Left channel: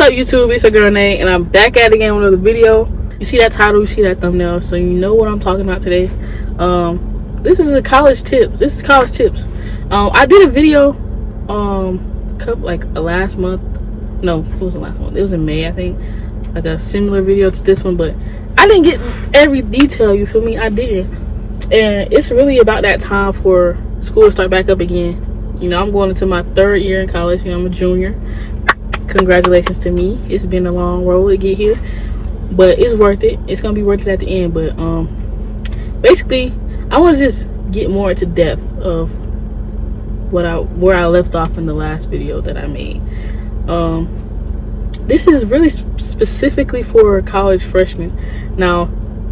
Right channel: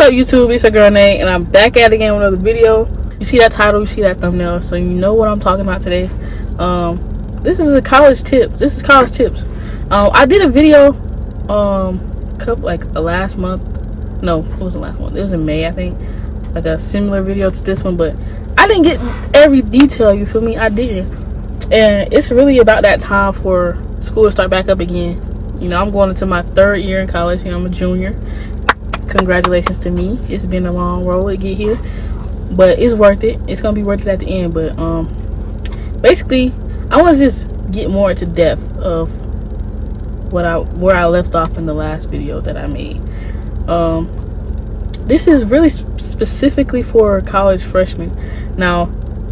What's up, YouTube? It's your girl Nate, and I'm back at it again with another video. You see that title, you see that thumbnail, so you know what I'm talking about today. This is a college tips. This is college tips. I did a video, last month. No, it wasn't last month. It was in May, I think. Like a similar video to this one, but I didn't get every detail. You feel me? I didn't. And it's really about that time for school to start back up again. You know, I'm going into my 3rd year in college. You know, I'm a junior. Congratulations to me. It's been a long road to get here, but it's worth it. It's gonna be worth it at the end. But basically, I want to just get more into depth of where I left off in the last video that I made. This is really specifically for college freshmen. Now,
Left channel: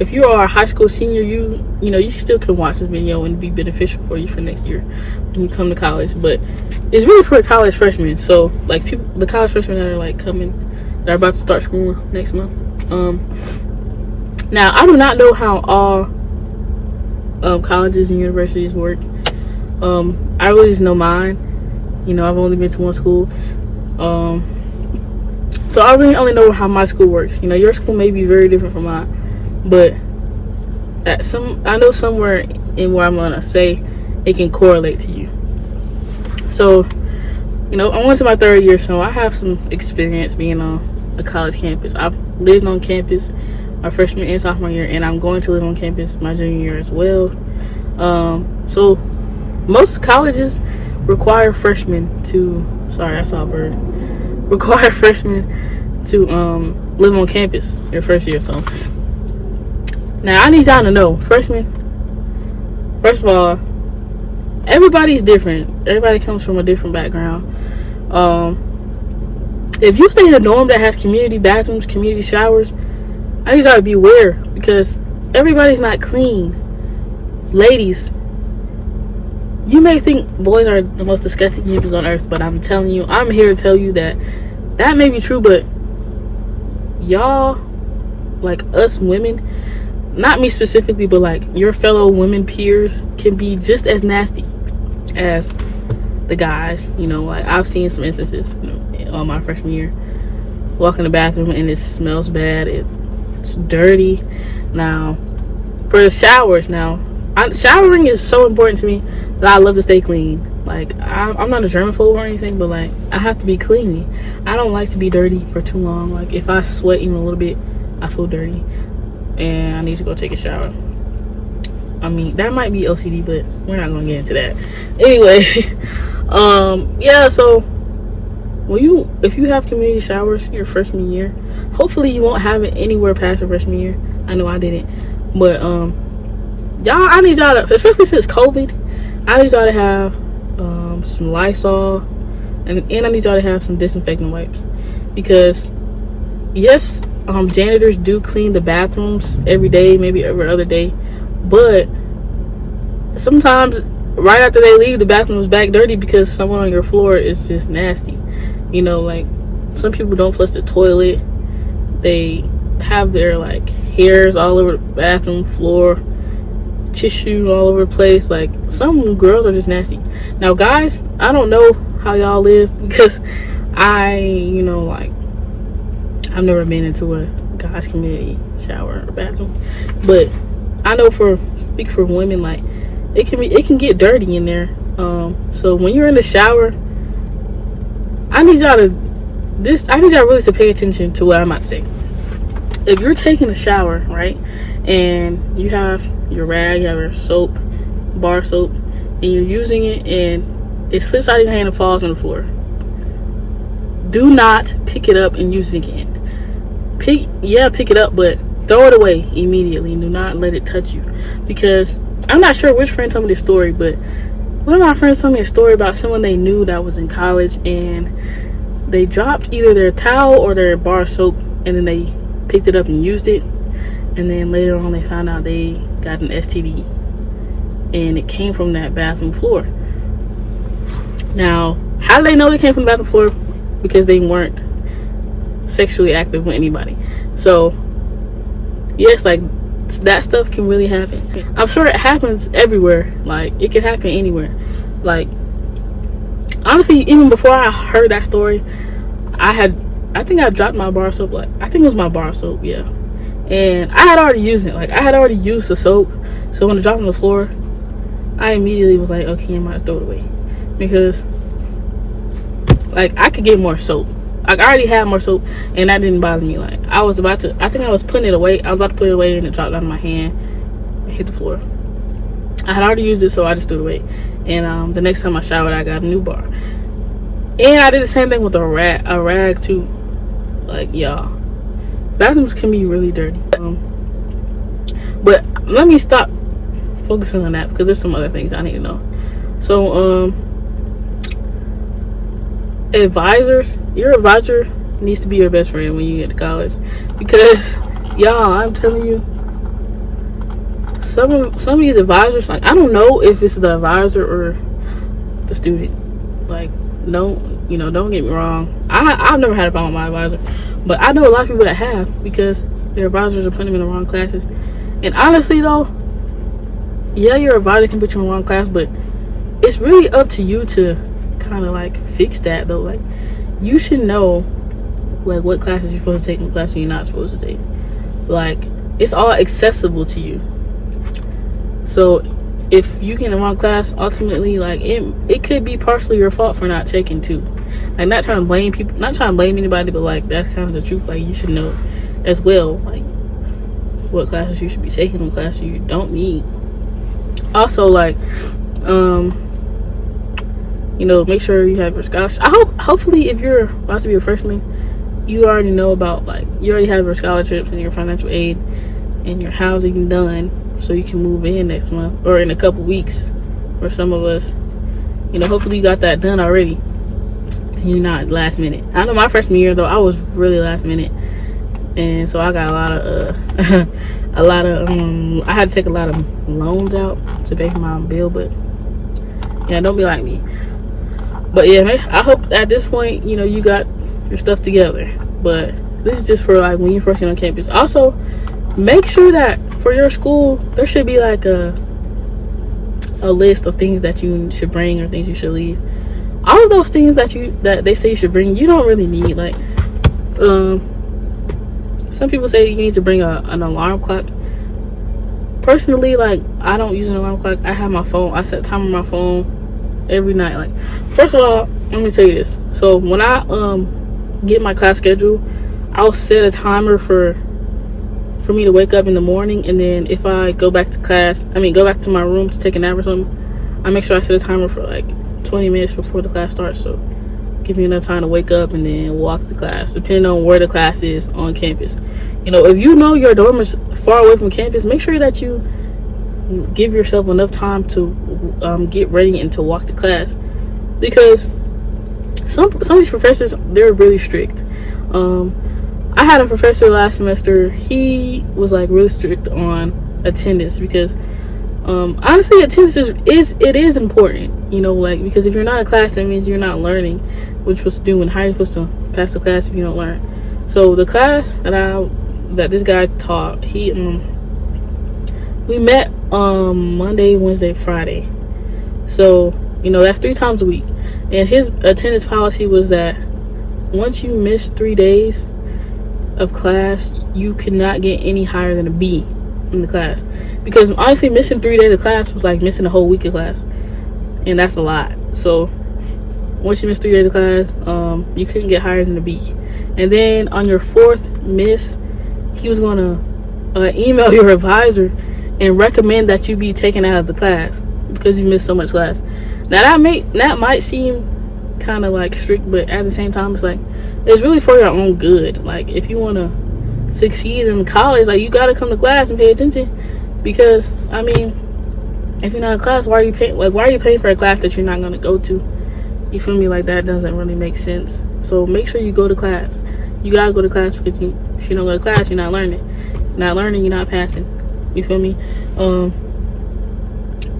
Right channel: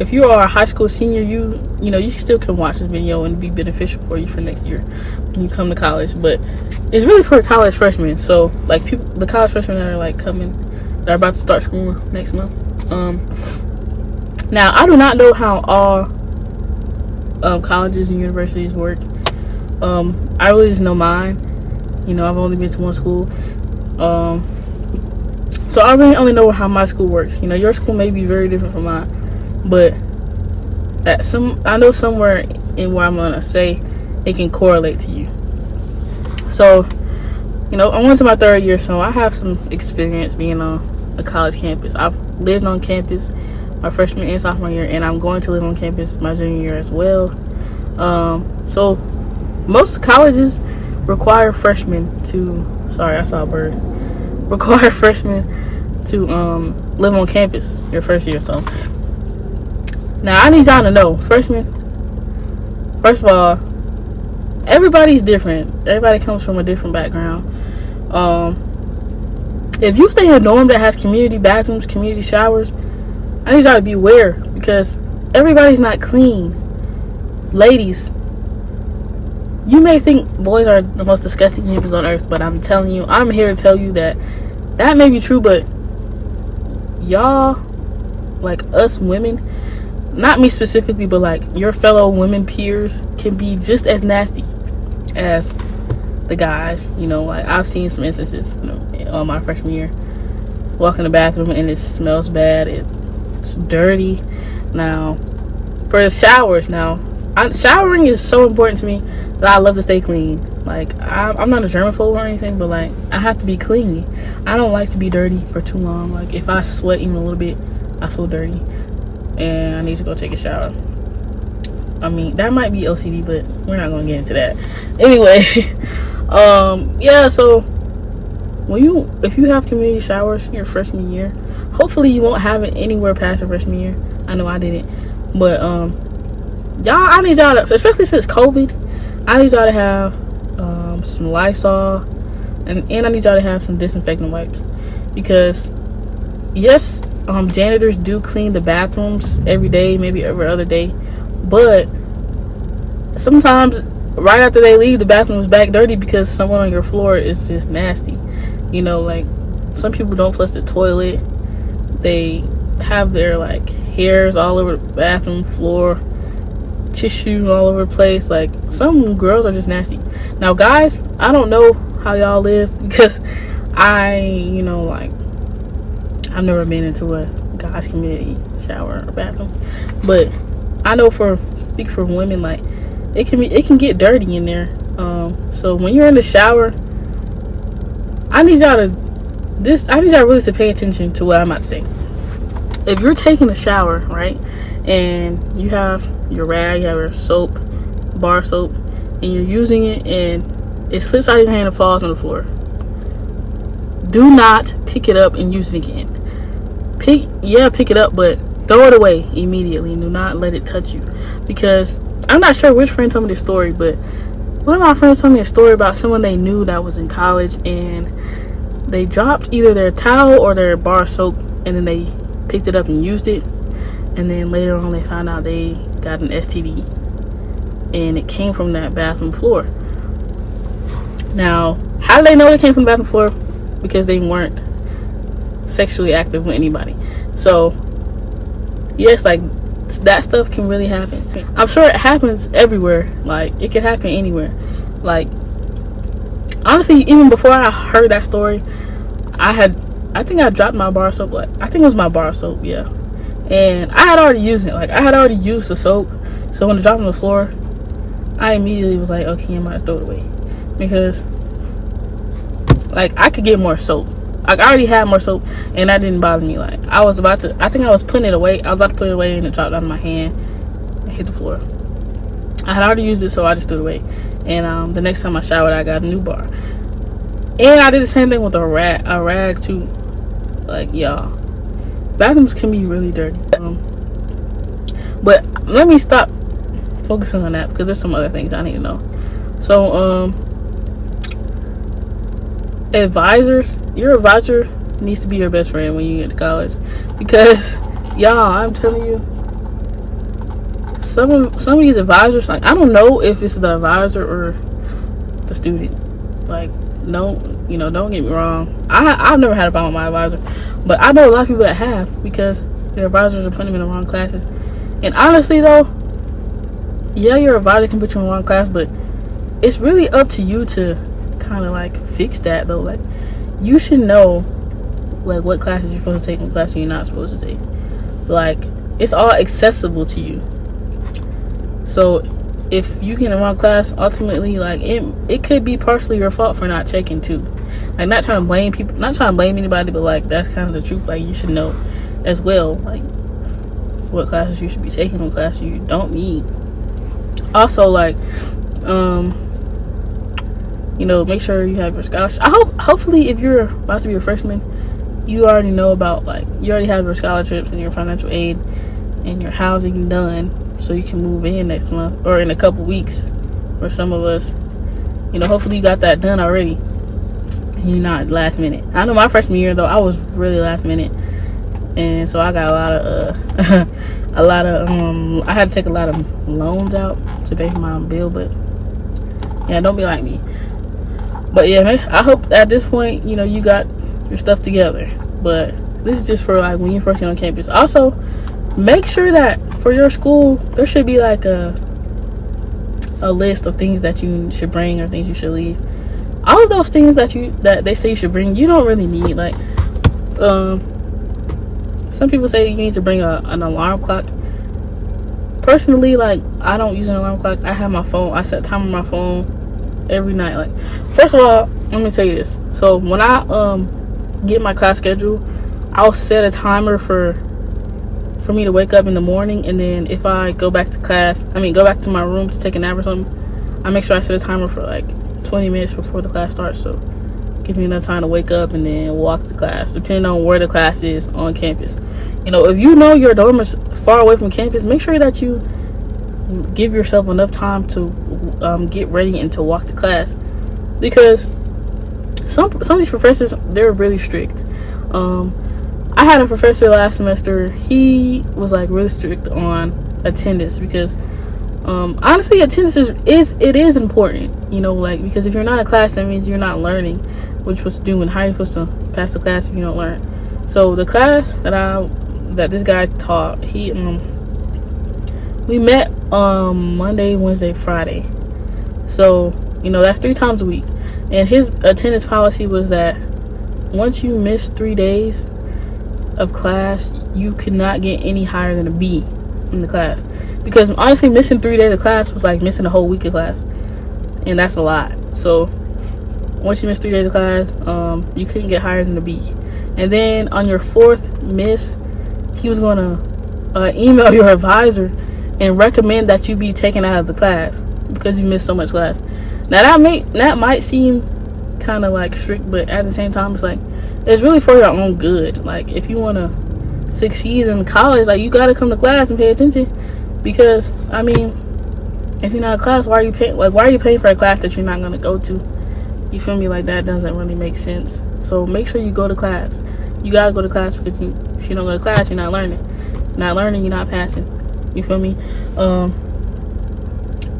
if you are a high school senior, you know you still can watch this video and be beneficial for you for next year when you come to college. But it's really for college freshmen. So like the college freshmen that are like that are about to start school next month. Now I do not know how all colleges and universities work. I really just know mine. You know, I've only been to one school. So I really only know how my school works. You know, your school may be very different from mine. But I know somewhere in where I'm gonna say it can correlate to you. So, you know, I went to my 3rd year, so I have some experience being on a college campus. I've lived on campus my freshman and sophomore year, and I'm going to live on campus my junior year as well. So most colleges require freshmen to. Sorry, I saw a bird. Require freshmen to live on campus your first year. So. Now, I need y'all to know, freshmen, first of all, everybody's different. Everybody comes from a different background. If you stay in a dorm that has community bathrooms, community showers, I need y'all to be aware because everybody's not clean. Ladies, you may think boys are the most disgusting humans on earth, but I'm telling you, I'm here to tell you that may be true, but y'all, like us women, not me specifically, but like your fellow women peers can be just as nasty as the guys. You know, like I've seen some instances, you know, on my freshman year, walk in the bathroom and it smells bad, it's dirty. Now for the showers, showering is so important to me that I love to stay clean. Like I'm not a germaphobe or anything, but like I have to be clean. I don't like to be dirty for too long. Like if I sweat even a little bit, I feel dirty and I need to go take a shower. I mean, that might be OCD, but we're not going to get into that. Anyway, yeah, so if you have community showers your freshman year, hopefully you won't have it anywhere past your freshman year. I know I didn't. But y'all, I need y'all to, especially since COVID, I need y'all to have some Lysol and I need y'all to have some disinfectant wipes, because yes, janitors do clean the bathrooms every day, maybe every other day, but sometimes right after they leave, the bathroom is back dirty because someone on your floor is just nasty. You know, like some people don't flush the toilet, they have their like hairs all over the bathroom floor, tissue all over the place. Like some girls are just nasty. Now guys, I don't know how y'all live because you know, like I've never been into a guy's community shower or bathroom, but I know speak for women, like it can get dirty in there. So when you're in the shower, I need y'all really to pay attention to what I'm about to say. If you're taking a shower, right, and you have your rag, you have your soap, bar soap, and you're using it and it slips out of your hand and falls on the floor, do not pick it up and use it again. Pick it up, but throw it away immediately. Do not let it touch you, because I'm not sure which friend told me this story, but one of my friends told me a story about someone they knew that was in college and they dropped either their towel or their bar soap, and then they picked it up and used it, and then later on they found out they got an STD and it came from that bathroom floor. Now, how do they know it came from the bathroom floor? Because they weren't sexually active with anybody. So yes, like that stuff can really happen. I'm sure it happens everywhere. Like it can happen anywhere. Like honestly, even before I heard that story, I had I think I dropped my bar soap. Like, I think it was my bar soap, yeah. And I had already used it. Like, I had already used the soap. So when it dropped on the floor, I immediately was like, okay, I'm about to throw it away. Because, like, I could get more soap. Like, I already had more soap, and that didn't bother me. Like, I think I was putting it away. I was about to put it away, and it dropped out of my hand and hit the floor. I had already used it, so I just threw it away. And the next time I showered, I got a new bar. And I did the same thing with a rag too. Like, y'all, bathrooms can be really dirty. But let me stop focusing on that, because there's some other things I need to know. So, advisors, your advisor needs to be your best friend when you get to college, because y'all, I'm telling you, some of these advisors, like, I don't know if it's the advisor or the student. Like, don't get me wrong, I've never had a problem with my advisor, but I know a lot of people that have, because their advisors are putting them in the wrong classes. And honestly though, yeah, your advisor can put you in the wrong class, but it's really up to you to kind of like fix that though. Like, you should know like what classes you're supposed to take and what classes you're not supposed to take. Like, it's all accessible to you. So if you get in the wrong class, ultimately, like, it could be partially your fault for not checking too. Like, not trying to blame people, not trying to blame anybody, but like, that's kind of the truth. Like, you should know as well, like, what classes you should be taking, what classes you don't need. Also, like, make sure you have your scholarship. Hopefully, if you're about to be a freshman, you already know about, like, you already have your scholarships and your financial aid and your housing done, so you can move in next month or in a couple weeks. For some of us, hopefully you got that done already and you're not last minute. I know my freshman year though, I was really last minute, and so I got a lot of I had to take a lot of loans out to pay for my own bill. But yeah, don't be like me. But yeah, man, I hope at this point you got your stuff together. But this is just for like when you first get on campus. Also, make sure that for your school there should be like a list of things that you should bring or things you should leave. All of those things that they say you should bring, you don't really need. Like, some people say you need to bring an alarm clock. Personally, like, I don't use an alarm clock. I have my phone. I set time on my phone every night. Like, first of all, let me tell you this. So when I get my class schedule, I'll set a timer for me to wake up in the morning, and then if I go back to my room to take a nap or something, I make sure I set a timer for like 20 minutes before the class starts, so give me enough time to wake up and then walk to class, depending on where the class is on campus. If you know your dorm is far away from campus, make sure that you give yourself enough time to get ready and to walk to class, because some of these professors, they're really strict. I had a professor last semester. He was like really strict on attendance, because honestly, attendance is important. Like, because if you're not in class, that means you're not learning what you're supposed to do, and how you're supposed to pass the class if you don't learn. So the class that this guy taught, we met Monday, Wednesday, Friday. So that's 3 times a week, and his attendance policy was that once you miss 3 days of class, you could not get any higher than a B in the class, because honestly, missing 3 days of class was like missing a whole week of class, and that's a lot. So once you miss 3 days of class, you couldn't get higher than a B. And then on your 4th miss, he was going to email your advisor and recommend that you be taken out of the class because you missed so much class. Now that might seem kind of like strict, but at the same time, it's like, it's really for your own good. Like, if you want to succeed in college, like, you got to come to class and pay attention, because I mean, if you're not in class, why are you paying? Like, why are you paying for a class that you're not going to go to? You feel me? Like, that doesn't really make sense. So make sure you go to class. You got to go to class, because if you don't go to class, you're not learning. Not learning, you're not passing. You feel me?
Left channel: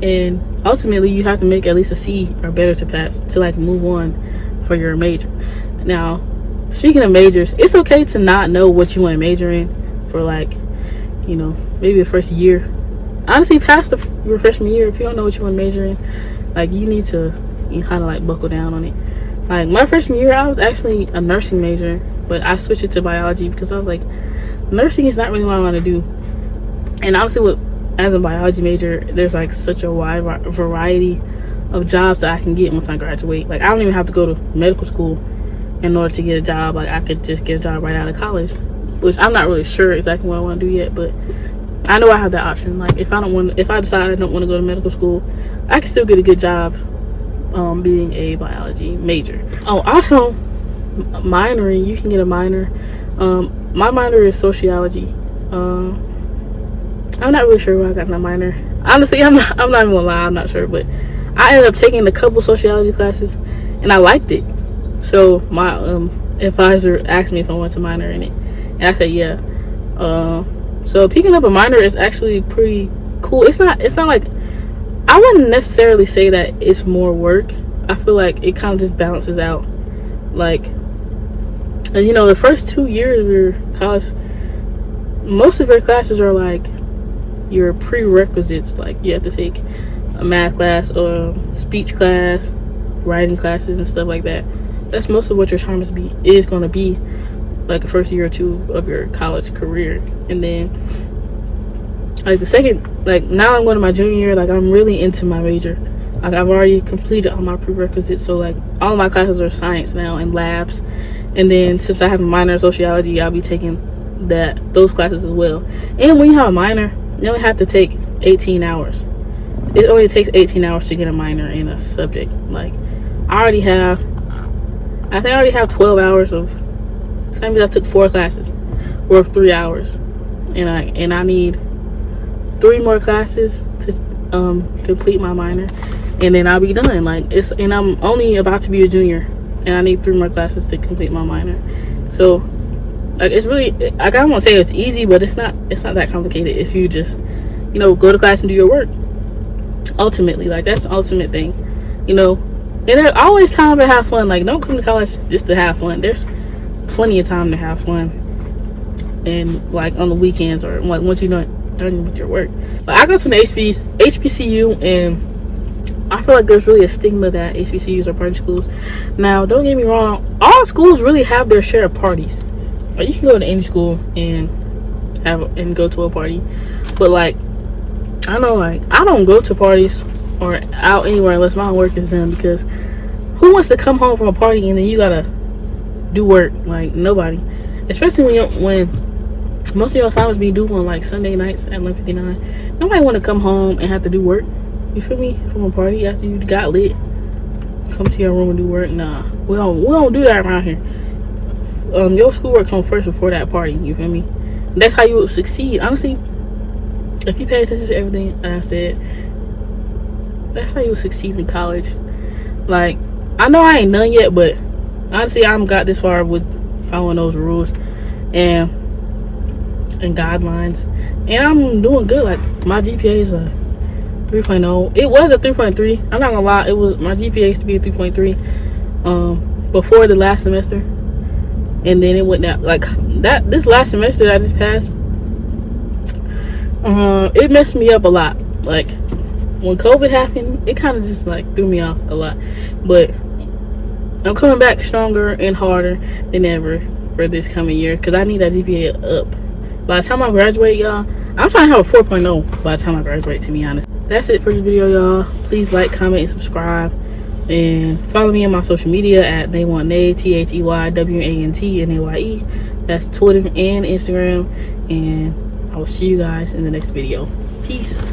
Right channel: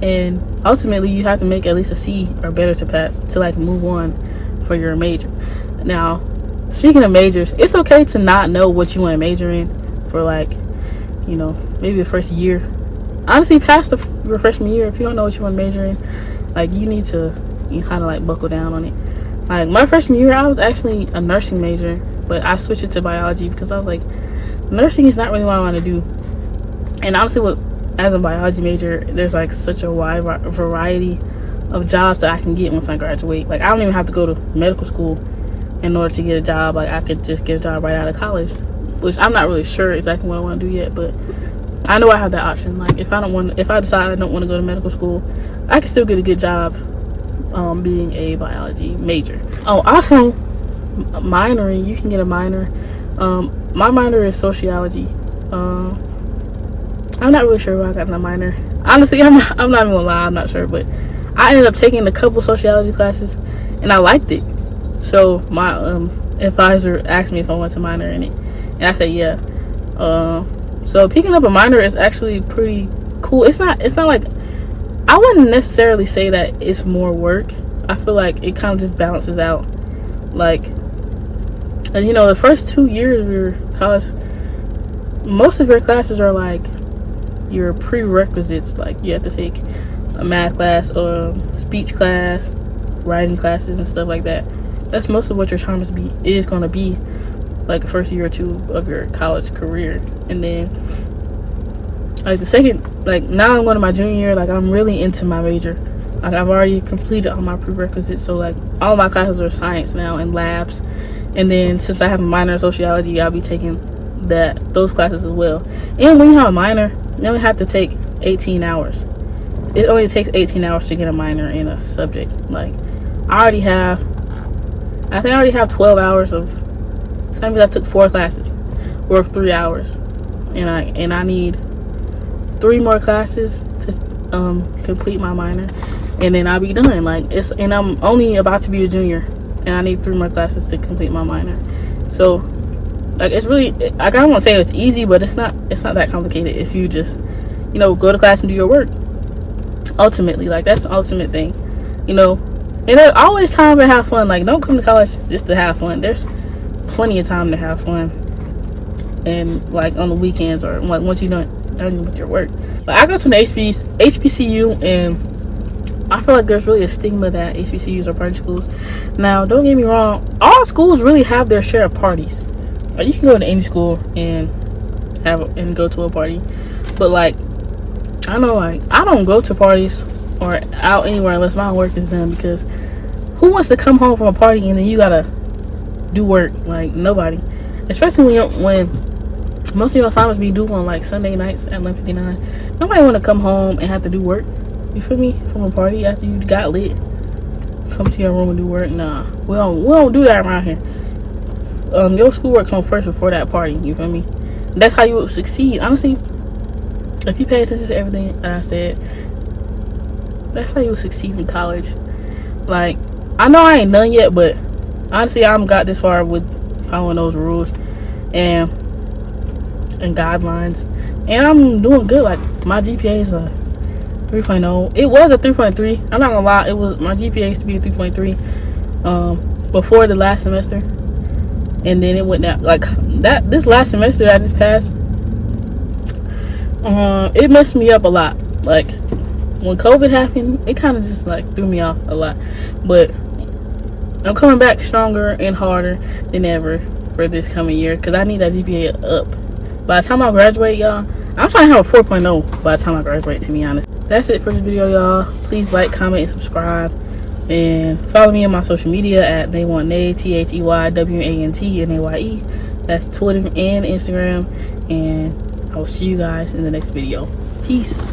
And ultimately, you have to make at least a C or better to pass, to like move on for your major. Now, speaking of majors, it's okay to not know what you want to major in for, like, maybe the first year. Honestly, past your freshman year, if you don't know what you want to major in, like, you kind of like buckle down on it. Like, my freshman year, I was actually a nursing major, but I switched it to biology because I was like, nursing is not really what I want to do. And honestly, as a biology major, there's like such a wide variety of jobs that I can get once I graduate. Like, I don't even have to go to medical school in order to get a job. Like, I could just get a job right out of college, which I'm not really sure exactly what I want to do yet, but I know I have that option. Like, if I decide I don't want to go to medical school, I can still get a good job being a biology major. Oh, also minoring, you can get a minor. My minor is sociology. I'm not really sure why I got my minor. Honestly, I'm not even gonna lie, I'm not sure, but I ended up taking a couple sociology classes and I liked it. So my advisor asked me if I wanted to minor in it, and I said yeah. So picking up a minor is actually pretty cool. It's not like, I wouldn't necessarily say that it's more work. I feel like it kind of just balances out. Like, you know, the first 2 years of your college, most of your classes are like your prerequisites. Like, you have to take a math class or speech class, writing classes and stuff like that. That's most of what your term is going to be, like the first year or two of your college career. And then like the second, like now I'm going to my junior year, like I'm really into my major. Like, I've already completed all my prerequisites, so like all my classes are science now and labs. And then since I have a minor in sociology, I'll be taking those classes as well. And when you have a minor, you only have to take 18 hours. It only takes 18 hours to get a minor in a subject. Like, I already have 12 hours of, so that means I took 4 classes worth 3 hours, and I need 3 more classes to complete my minor, and then I'll be done. Like, and I'm only about to be a junior, and I need 3 more classes to complete my minor. So like, it's really, I don't want to say it's easy, but it's not that complicated if you just, you know, go to class and do your work. Ultimately, like, that's the ultimate thing, you know. And there's always time to have fun. Like, don't come to college just to have fun. There's plenty of time to have fun, and like on the weekends, or like once you're done with your work. But I go to an HBCU, and I feel like there's really a stigma that HBCUs are party schools. Now, don't get me wrong, all schools really have their share of parties. Like, you can go to any school and go to a party, but like, I know, like, I don't go to parties or out anywhere unless my work is done, because who wants to come home from a party and then you gotta do work? Like, nobody. Especially when most of your assignments be due on like Sunday nights at 11:59. Nobody want to come home and have to do work, you feel me, from a party after you got lit. Come to your room and do work. Nah, we don't do that around here. Your schoolwork comes first before that party, you feel me? That's how you will succeed. Honestly, if you pay attention to everything that I said, that's how you will succeed in college. Like, I know I ain't done yet, but honestly, I haven't got this far with following those rules and guidelines, and I'm doing good. Like, my GPA is a 3.0. It was a 3.3. I'm not gonna lie, my GPA used to be a 3.3 before the last semester, and then it went down. Like, that this last semester I just passed, it messed me up a lot. Like, when COVID happened, it kind of just like threw me off a lot, but I'm coming back stronger and harder than ever for this coming year, because I need that GPA up. By the time I graduate, y'all, I'm trying to have a 4.0 by the time I graduate, to be honest. That's it for this video, y'all. Please like, comment, and subscribe, and follow me on my social media at TheyWantNaye, TheyWantNaye. That's Twitter and Instagram, and I will see you guys in the next video. Peace.